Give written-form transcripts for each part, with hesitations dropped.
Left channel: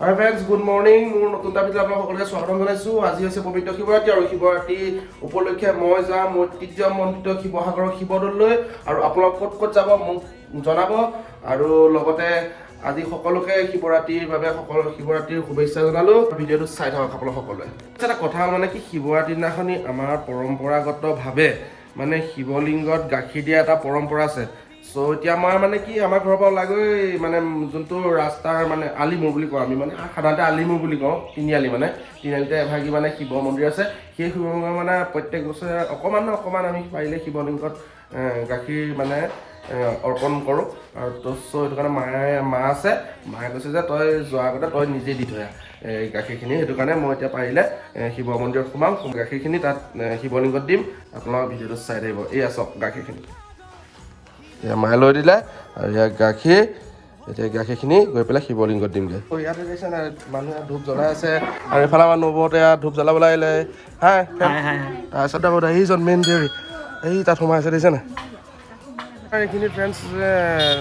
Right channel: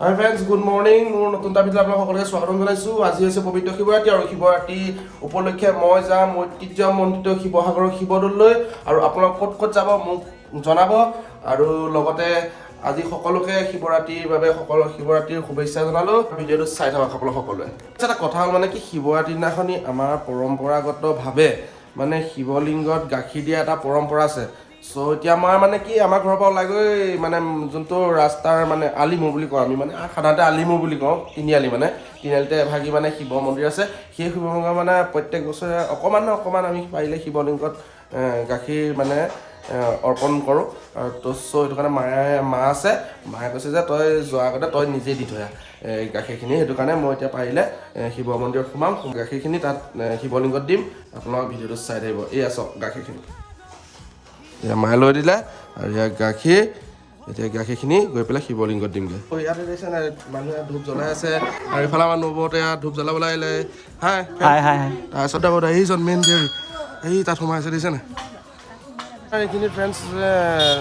হাই friends, good morning. মোৰ নতুন এটা ভিডিঅ'ত আপোনালোক সকলোকে স্বাগতম জনাইছোঁ। আজি হৈছে পবিত্ৰ শিৱৰাত্ৰি আৰু শিৱৰাত্ৰি উপলক্ষে মই যাম ঐতিহ্যমণ্ডিত শিৱসাগৰৰ শিৱদৌললৈ আৰু আপোনালোক ক'ত ক'ত যাব মোক জনাব আৰু লগতে আজি সকলোকে শিৱৰাত্ৰিৰ বাবে শিৱৰাত্ৰিৰ শুভেচ্ছা জনালোঁ। ভিডিঅ'টো চাই থাকক আপোনালোক সকলোৱে। এটা কথা হ'ল মানে কি, শিৱৰাত্ৰিৰ দিনাখনি আমাৰ পৰম্পৰাগতভাৱে মানে শিৱলিংগত গাখীৰ দিয়া এটা পৰম্পৰা আছে। চ' এতিয়া আমাৰ মানে কি, আমাৰ ঘৰৰ পৰা ওলাই গৈ মানে যোনটো ৰাস্তাৰ মানে আলিমু বুলি কওঁ আমি, মানে সাধাৰণতে আলিমু বুলি কওঁ, তিনিআলি মানে তিনিআলিতে এভাগি মানে শিৱ মন্দিৰ আছে। সেই শিৱ মন্দিৰ মানে প্ৰত্যেক বছৰে অকণমান আমি পাৰিলে শিৱলিংগত গাখীৰ মানে অৰ্পণ কৰোঁ। ত' চ' সেইটো কাৰণে মা আছে, মায়ে কৈছে যে তই যোৱাৰ আগতে তই নিজে দি থৈ এই গাখীৰখিনি। সেইটো কাৰণে মই এতিয়া পাৰিলে শিৱ মন্দিৰত সোমাম, গাখীৰখিনি তাত শিৱলিংগত দিম। আপোনালোকৰ ভিডিঅ'টো চাই থাকিব। এই চাওক গাখীৰখিনি এতিয়া মায়ে লৈ দিলে আৰু ইয়াৰ গাখীৰ, এতিয়া গাখীৰখিনি গৈ পেলাই শিৱলিংগত দিমগৈ। ইয়াতে দেখিছে নাই, মানুহে ইয়াত ধূপ জ্বলাই আছে আৰু এইফালে আমাৰ নবৌহঁতে ইয়াত ধূপ জ্বলাবলৈ আহিলে। তাৰপিছত আকৌ এইজন মেইন দেউৰী এই তাত সোমাই আছে, দেখিছে নাই। এইখিনি ফ্ৰেণ্ডছ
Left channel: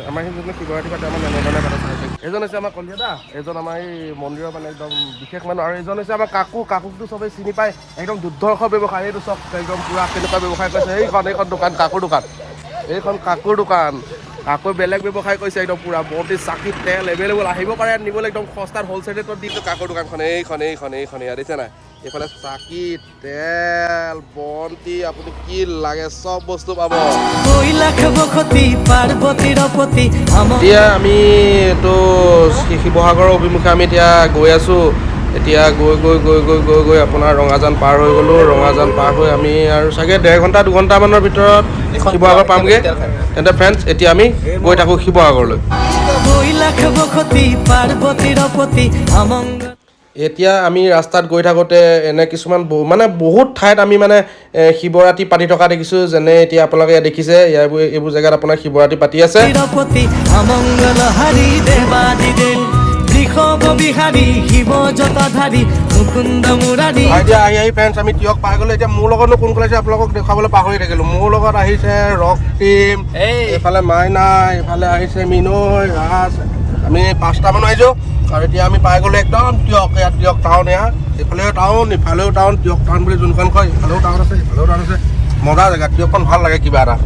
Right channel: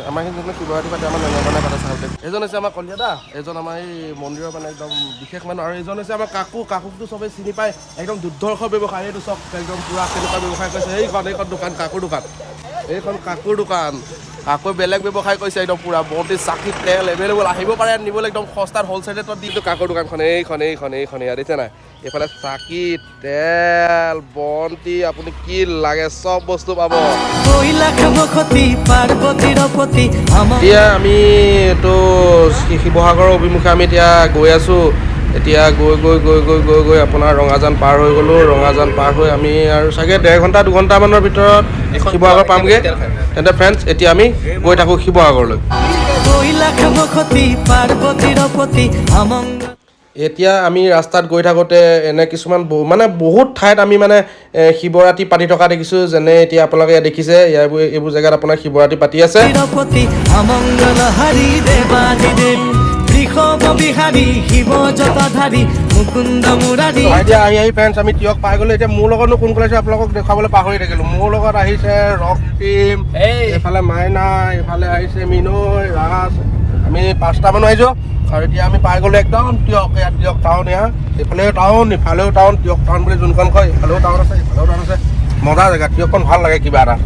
আমাৰ এইখিনি যোনটো শিৱৰাত্ৰি পাতে আমাৰ এনেধৰণে পাতে চাই। এজন হৈছে আমাৰ কলিয়া দা, এজন আমাৰ এই মন্দিৰৰ মানে একদম বিশেষ মানুহ, আৰু এজন হৈছে আমাৰ কাকুকটো চবেই চিনি পায়, একদম দুৰ্ধৰ্ষ ব্যৱসায়। এইটো চব একদম পূৰা কেনেকুৱা ব্যৱসায় কৰিছে। এইখন দোকান কাকুৰ দোকান, এইখন কাকুৰ দোকান। কাকুৰ বেলেগ ব্যৱসায় কৰিছে একদম পূৰা বন্তি চাকি তেল এভেইলেবল, আহিব পাৰে নিবলৈ একদম সস্তাত হ'লচেল ৰেটত দিছোঁ কাকুৰ দোকানখন। এইখন ইয়াত দেখিছে নাই, এইফালে চাকি তেল বন্তি আপুনি কি লাগে চব বস্তু পাব। এতিয়া আমি এইটো শিৱসাগৰৰ অভিমুখে আমি এতিয়া গৈ আছোঁ। এতিয়া গৈ আপোনাৰ ৰঙাজান পাৰ হৈ গ'লোঁ। ৰঙাজান পাৰ হৈ আমি আৰু চাগে 1.5 2ঘণ্টামানৰ ভিতৰত শিৱসাগৰ পামগৈ। তেন্তে ফ্ৰেণ্ডছ এতিয়া আমি গৈ থাকোঁ শিৱসাগৰলৈ। এতিয়া আমি ৰাস্তাত গৈ থাকোঁতে এনে কিছুমান মানে বহুত ঠাইত আমি মানে শিৱৰাত্ৰি পাতি থকা দেখিছোঁ। যেনে এতিয়া আপোনালোকে ইয়াত দেখিছে, এইবোৰ জেগাত আপোনাৰ শিৱৰাত্ৰি পাতি আছে। এতিয়া আহি ফ্ৰেণ্ডছ আমি তিয়ক পাই গ'লোঁ। এতিয়া মোৰ লগতনো কোন কোন আহিছে আপোনালোকক দেখুৱাবলৈ পাহৰি থাকিলোঁ। মোৰ লগত আহিছে ৰক্তিম, এইফালে মাইনা, এইফালে আহিছে মিনৈ, ৰাজ, আমি 5টা মানুহ আহিছোঁ। আৰু এতিয়া আমি পাই গ'লোঁ একদম তিয়ক। ইয়াত তিয়ক টাউন, এইফালেও টাউন ইফালেও টাউন, তিয়ক টাউন বুলি যোনখন কয় ইফালেও টাউন আছে ইফালেও টাউন আছে। মজা জেগা, তিয়কখন ভাল লাগে কিবা এটা।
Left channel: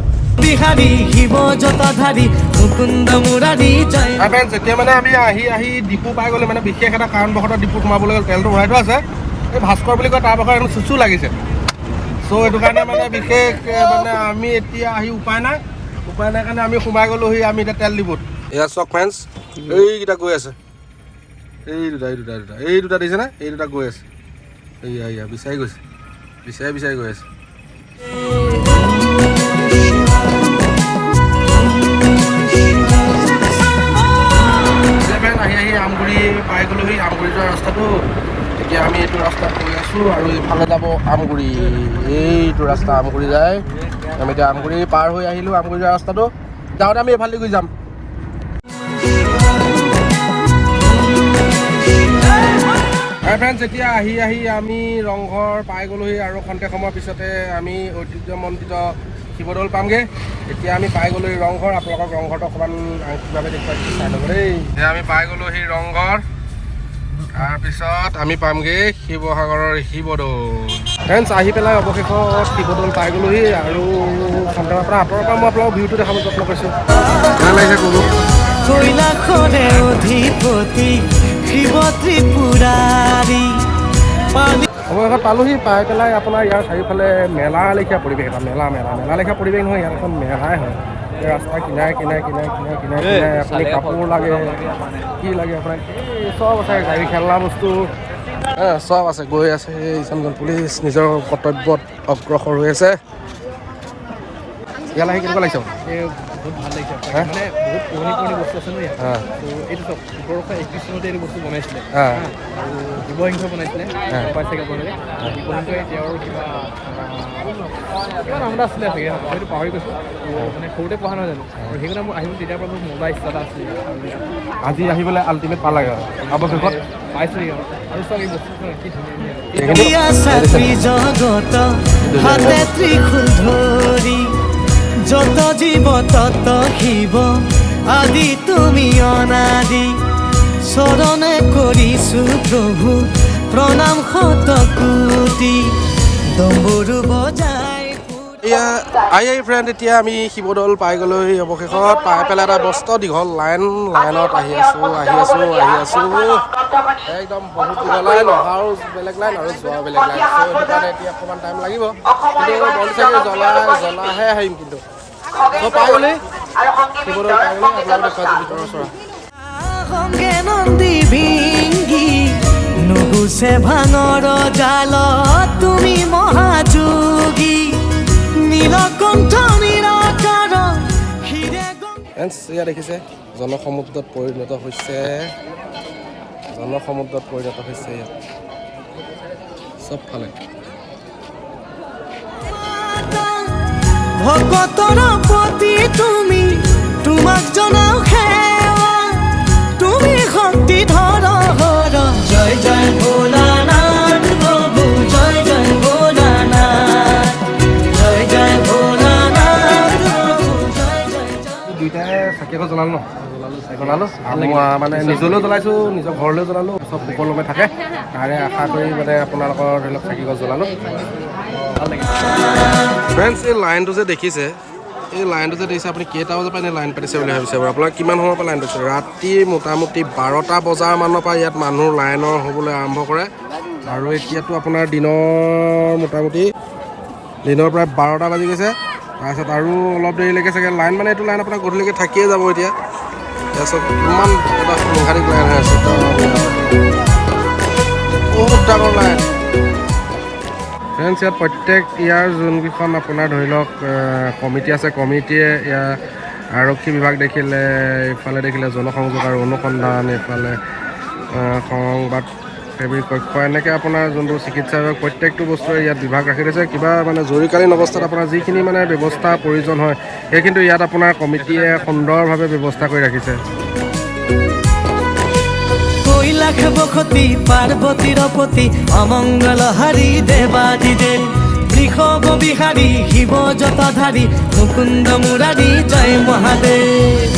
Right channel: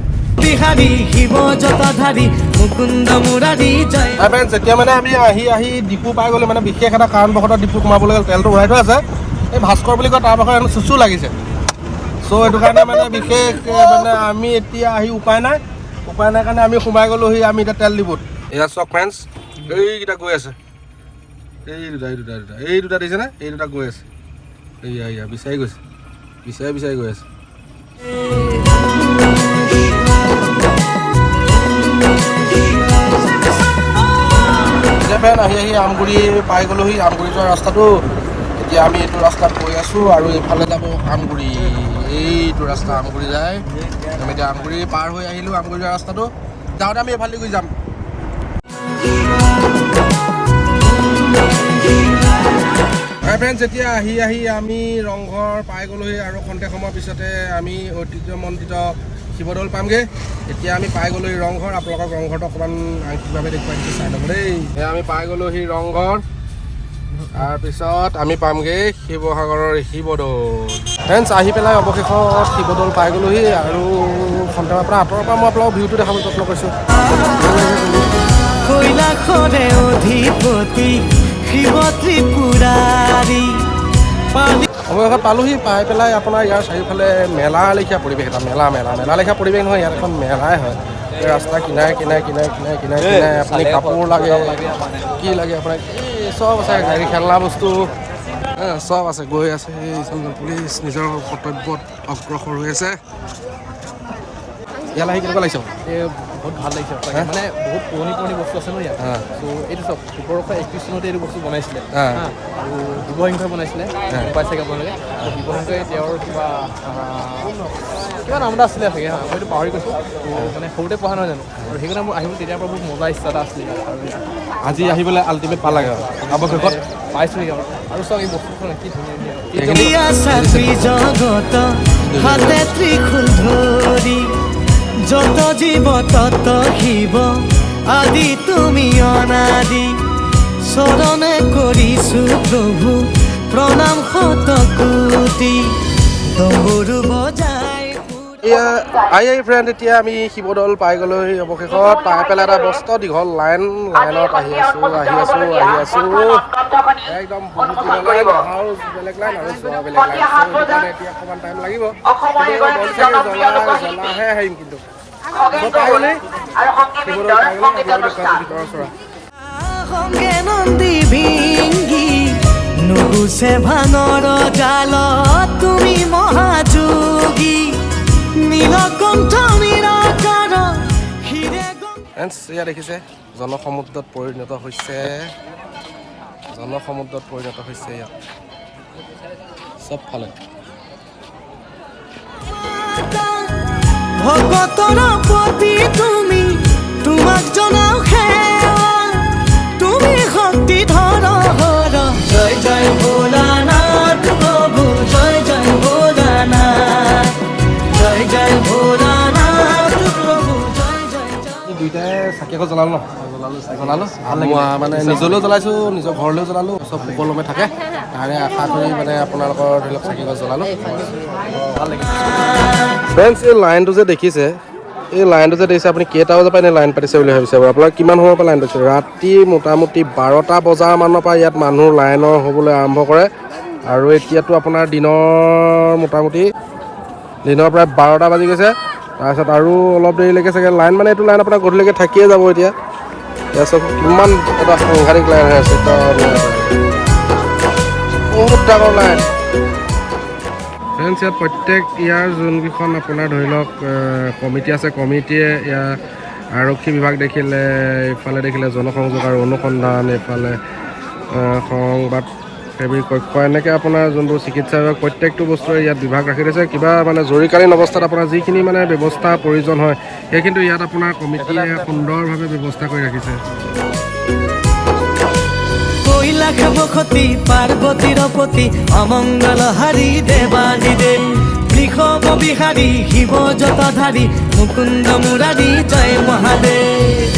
এতিয়া মানে আমি আহি ডিপু পাই গ'লোঁ। মানে বিশেষ এটা কাৰণবশতঃ ডিপু সোমাবলৈ তেলটো ভৰাই থোৱা আছে। এই ভাস্কৰ বুলি কয়, তাৰ ভাগৰ চুচু লাগিছে। চ' সেইটো কাৰণে মানে বিশেষ মানে আমি এতিয়া আহি উপায় নাই কাৰণে আমি সোমাই গ'লোহি আমি এতিয়া তেল ডিপুত। এয়া চাওক ফ্ৰেণ্ডছ, এইকেইটা গৈ আছে, এই দুটা দিছে না, এই দুটা গৈ আছে। এয়া বিচাৰি গৈছে, বিচাৰি গৈ আছে। আহি আমগুৰি পাই গ'লোহি, আমগুৰি যোৱা ৰাস্তাটো। এতিয়া আমি এইটো ৰাস্তাত গৈ আছোঁ আৰু এইফালে যাব আমগুৰি। এইটো ৰাস্তা আমগুৰি যায়। আমি এতিয়া আমগুৰি পাৰ হৈ আহিলোঁ। আমগুৰি যোৱা ৰাস্তাটো যাওঁতে আমি এইফালে গৈ যাম। ফ্ৰেণ্ডছ এতিয়া আহি আমি ৰংঘৰ পাই গ'লোহি আৰু খন্তেক সময়ৰ পিছতে আমি ঐতিহ্যমণ্ডিত শিৱদৌল পামগৈ। এতিয়া আমি পাই গ'লোহি ৰংঘৰ। আপোনালোকক ৰংঘৰটো অকণমান আংশিকভাৱে দেখুৱাই দিছোঁ, চাই ল'ব দেই। আমি পাই গ'লোহি ৰংঘৰ, তাৰপিছত আমি পামগৈ শিৱসাগৰৰ শিৱদৌল। ফ্ৰেণ্ডছ আহি পেলাই অৱশেষত শিৱদৌল পাই গ'লোহি আৰু খন্তেক পৰা আঁতৰৰ পৰা মই আপোনালোকক ভিউটো দেখাবলৈ যত্ন কৰিছোঁ। ভাল লাগিছে ক'লোঁ। অৱশেষত পালোহি। পাই পেলাই আপোনাৰ ইয়াৰ চাৰিওফালে মেলা লেখীয়া পৰিৱেশ, এটা মেলা লেখীয়া পৰিৱেশ নহয়, ইয়াত এখন মেলাই হয়। এই ৰাস্তাৰ কিনাৰে আপুনি কাপোৰ লাগে, কি লাগে আপোনাক, এই চব আছে, গাড়ী খেলনা বস্তু চব আছে। গৈ আছে এইজন পুলিচ নিজৰ কৰ্তব্যত অগ্ৰসৰ হৈ আছে। ইয়ালৈ আহি কেনেকুৱা লাগিছে? বহুত ভাল লাগিছে মানে বহুত পুৰণি বস্তু আছে ন ইয়াত। ত' এইটো চব 1831 চনতে এইটো বস্তু বনাইছিলে আৰু শিৱসিংহই বনাইছিলে। পাই চাগে আপোনালোকে শিৱসিংহই তেওঁৰ কিবা নাম এটা আছিলে চাগে, মইতো পাহৰি গৈছোঁ। মানে সৰুতে পঢ়া নহয় জানো, আৰু সেইকাৰণে মোৰ আহিব তেতিয়াৰ পৰা বহুত মজা ইচ্ছা এটা আছিলে। আৰু আজি আহিবলৈ আল্টিমেট পালাগে আৰু অৱশেষত পাইছোঁগে আৰু চব এই বস্তুখন কি ধুনীয়া যত জীব তত শিব আদি তুমি অনাদি চৰণে কৰিছো কৰিছো প্ৰভু প্ৰণাম শতকোটি ডম্বৰু বজাই এয়া ফ্ৰেণ্ড এতিয়া আমি শিৱদৌল পাই গ'লৈ অৱশেষত পাই পেলাই এটা মস্ত দীঘল লাইনত আহি আছোঁ একদম বহুত দীঘল লাইন অহাও বেলেগ লাইন আৰু যোৱাও বেলেগ লাইন চ' সেইটো কাৰণে এতিয়া অকণমান টাইম লাগিব কিন্তু বন্তি চাকি জ্বলাহে আহিম কিন্তু চ' পাই গ'লেই শিৱদৌল পাই গ'লেই আপোনালোক দেখুৱাইছোঁ ভিতৰৰ চৰা সংগে নন্দী ভিংগি নুগুছে ভাঙৰ জালত তুমি মহাযোগী নীলকণ্ঠ নিৰাকাৰ হিৰে ফ্ৰেণ্ডছ এয়া দেখিছে জনসমুদ্ৰত পৰিণত হৈছে ইয়াত চবফালে ভকতৰ প্ৰতি তুমি তোমাক জনাও সেৱা তুমি শক্তি ধৰ জয় জয় ভোলানাথ প্ৰভু জয় জয় ভোলানাথ জয় জয় ভোলানাথ প্ৰভু জয় জয় জয় দুইটাই চাকি আকৌ জ্বলালোঁ মানে নিজলৈও জ্বলাইছোঁ নিজৰ ঘৰলৈও জ্বলালোঁ চব সকলোমে থাকে তাৰে আশা কৰি মানে আপোনালোকৰ ধৰি লওক চাকি গছ জ্বলালোঁ ভাল লাগিছে ফ্ৰেণ্ডছ এই লাইনটো যে দেখিছে আপুনি কেইটা বজাৰ পৰা এনেই লাইন পাতিছে বুলি ভাবিছে বাৰু আপোনালোকে কিমান সময়ৰ পৰা লাইন পাতিছে ৰাতি মোটামুটি 12টা বজাৰ মানৰ পৰা ইয়াত মানুহ লাইনৰ হ'বলৈ আৰম্ভ কৰে আৰু এতিয়াতো আপোনাৰ দিনৰ প্ৰায় 12টা বাজি গৈছে তাৰপিছত আৰু অলপ দেৰিলৈকে চাগে লাইন মানে এইটো লাইন আপোনাৰ গধূলিলৈকে থাকিয়ে যাব এতিয়া চব কিমান এটা সাংঘাতিক লাইন হৈ আছে বহুত ডাঙৰ লাইন ফ্ৰেণ্ডছ ইয়াত প্ৰত্যেক ইয়াৰ যোনকেইখন আপোনাৰ ধৰি লওক কমিটি আছে কমিটিয়ে ইয়াৰ আৰক্ষী বিভাগ দেখিলে এইফালে দেখিলে জনসংযোগ আৰু অনুসন্ধান এইফালে সংবাদ সেৱী কক্ষ এনেকৈ আপোনাৰ যোনটো চিকিৎসা বিভাগ প্ৰত্যেকটো বস্তুৰে ইয়াত বিভাগ ৰাখি দিছে কিবা মানে জৰুৰীকালীন অৱস্থাত আপোনাৰ যিখিনি মানে ব্যৱস্থা প্ৰয়োজন হয় সেইখিনিতো ইয়াত আপোনাৰ কমিটিয়ে সুন্দৰভাৱে ব্যৱস্থা কৰি ৰাখিছে কৈলাশ বসতি পাৰ্বতীৰ পতি অমংগল হাৰি দেৱাদিদেৱ বৃষভ বিহাৰী শিৱ জটাধাৰী মুকুন্দ মুৰাৰী জয় মহাদেৱ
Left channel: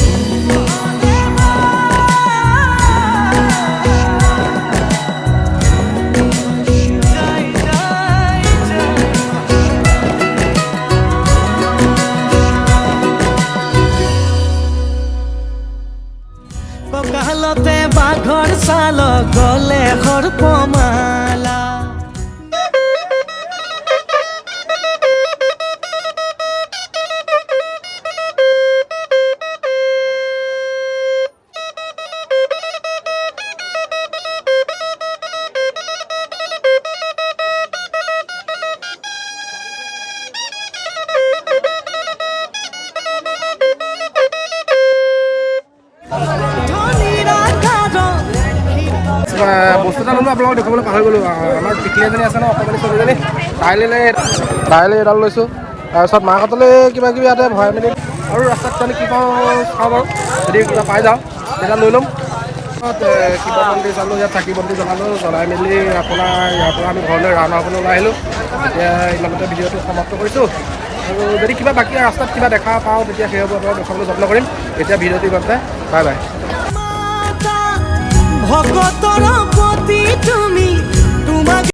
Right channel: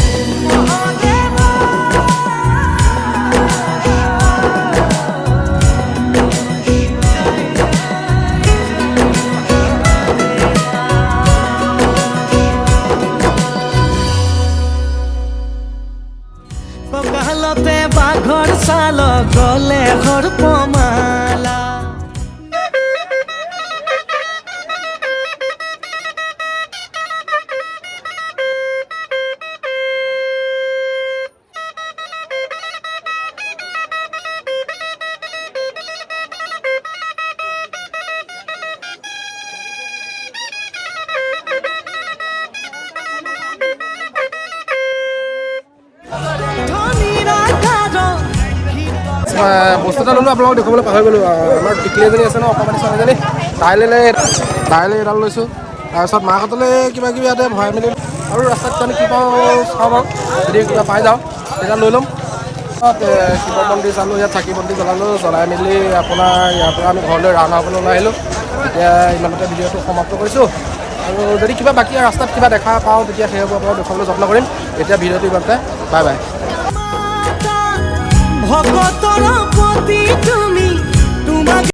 কঁকালতে বাঘৰ ছাল গলে সৰ্পমালা বস্তু এটা ল'লোঁ আপোনালোকক দেখুৱাবলৈ পাহৰি গ'লোঁ আমাৰ টিকলি এজনী আছে ন অকণমানি ছোৱালীজনী তাইলৈ এডাল লৈছোঁ তাৰপিছত মাহঁতলৈ কিবা কিবি ইয়াতে ভৰাই মেলি আৰু ৰাস্তাত কাৰণে কি পাওঁ চাওঁ বাৰু যদি কিবা পাই যাওঁ তেতিয়া লৈ ল'ম শিৱ মন্দিৰ চালোঁ ইয়াত চাকি বন্তি জ্বলাই মেলি আপোনাৰ ইয়াৰ পৰা আমি ঘৰলৈ ৰাওনা হ'বলৈ ওলাই আহিলোঁ এতিয়া ইমানতে ভিডিঅ'টো সমাপ্ত কৰিছোঁ আৰু যদি কিবা বাকী ৰাস্তাত কিবা দেখা পাওঁ তেতিয়া সেইবোৰ আপোনালোক দেখুৱাবলৈ যত্ন কৰিম এতিয়া ভিডিঅ'টো ইমানতে বাই বাই ভকতৰ প্ৰতি তুমি তোমাক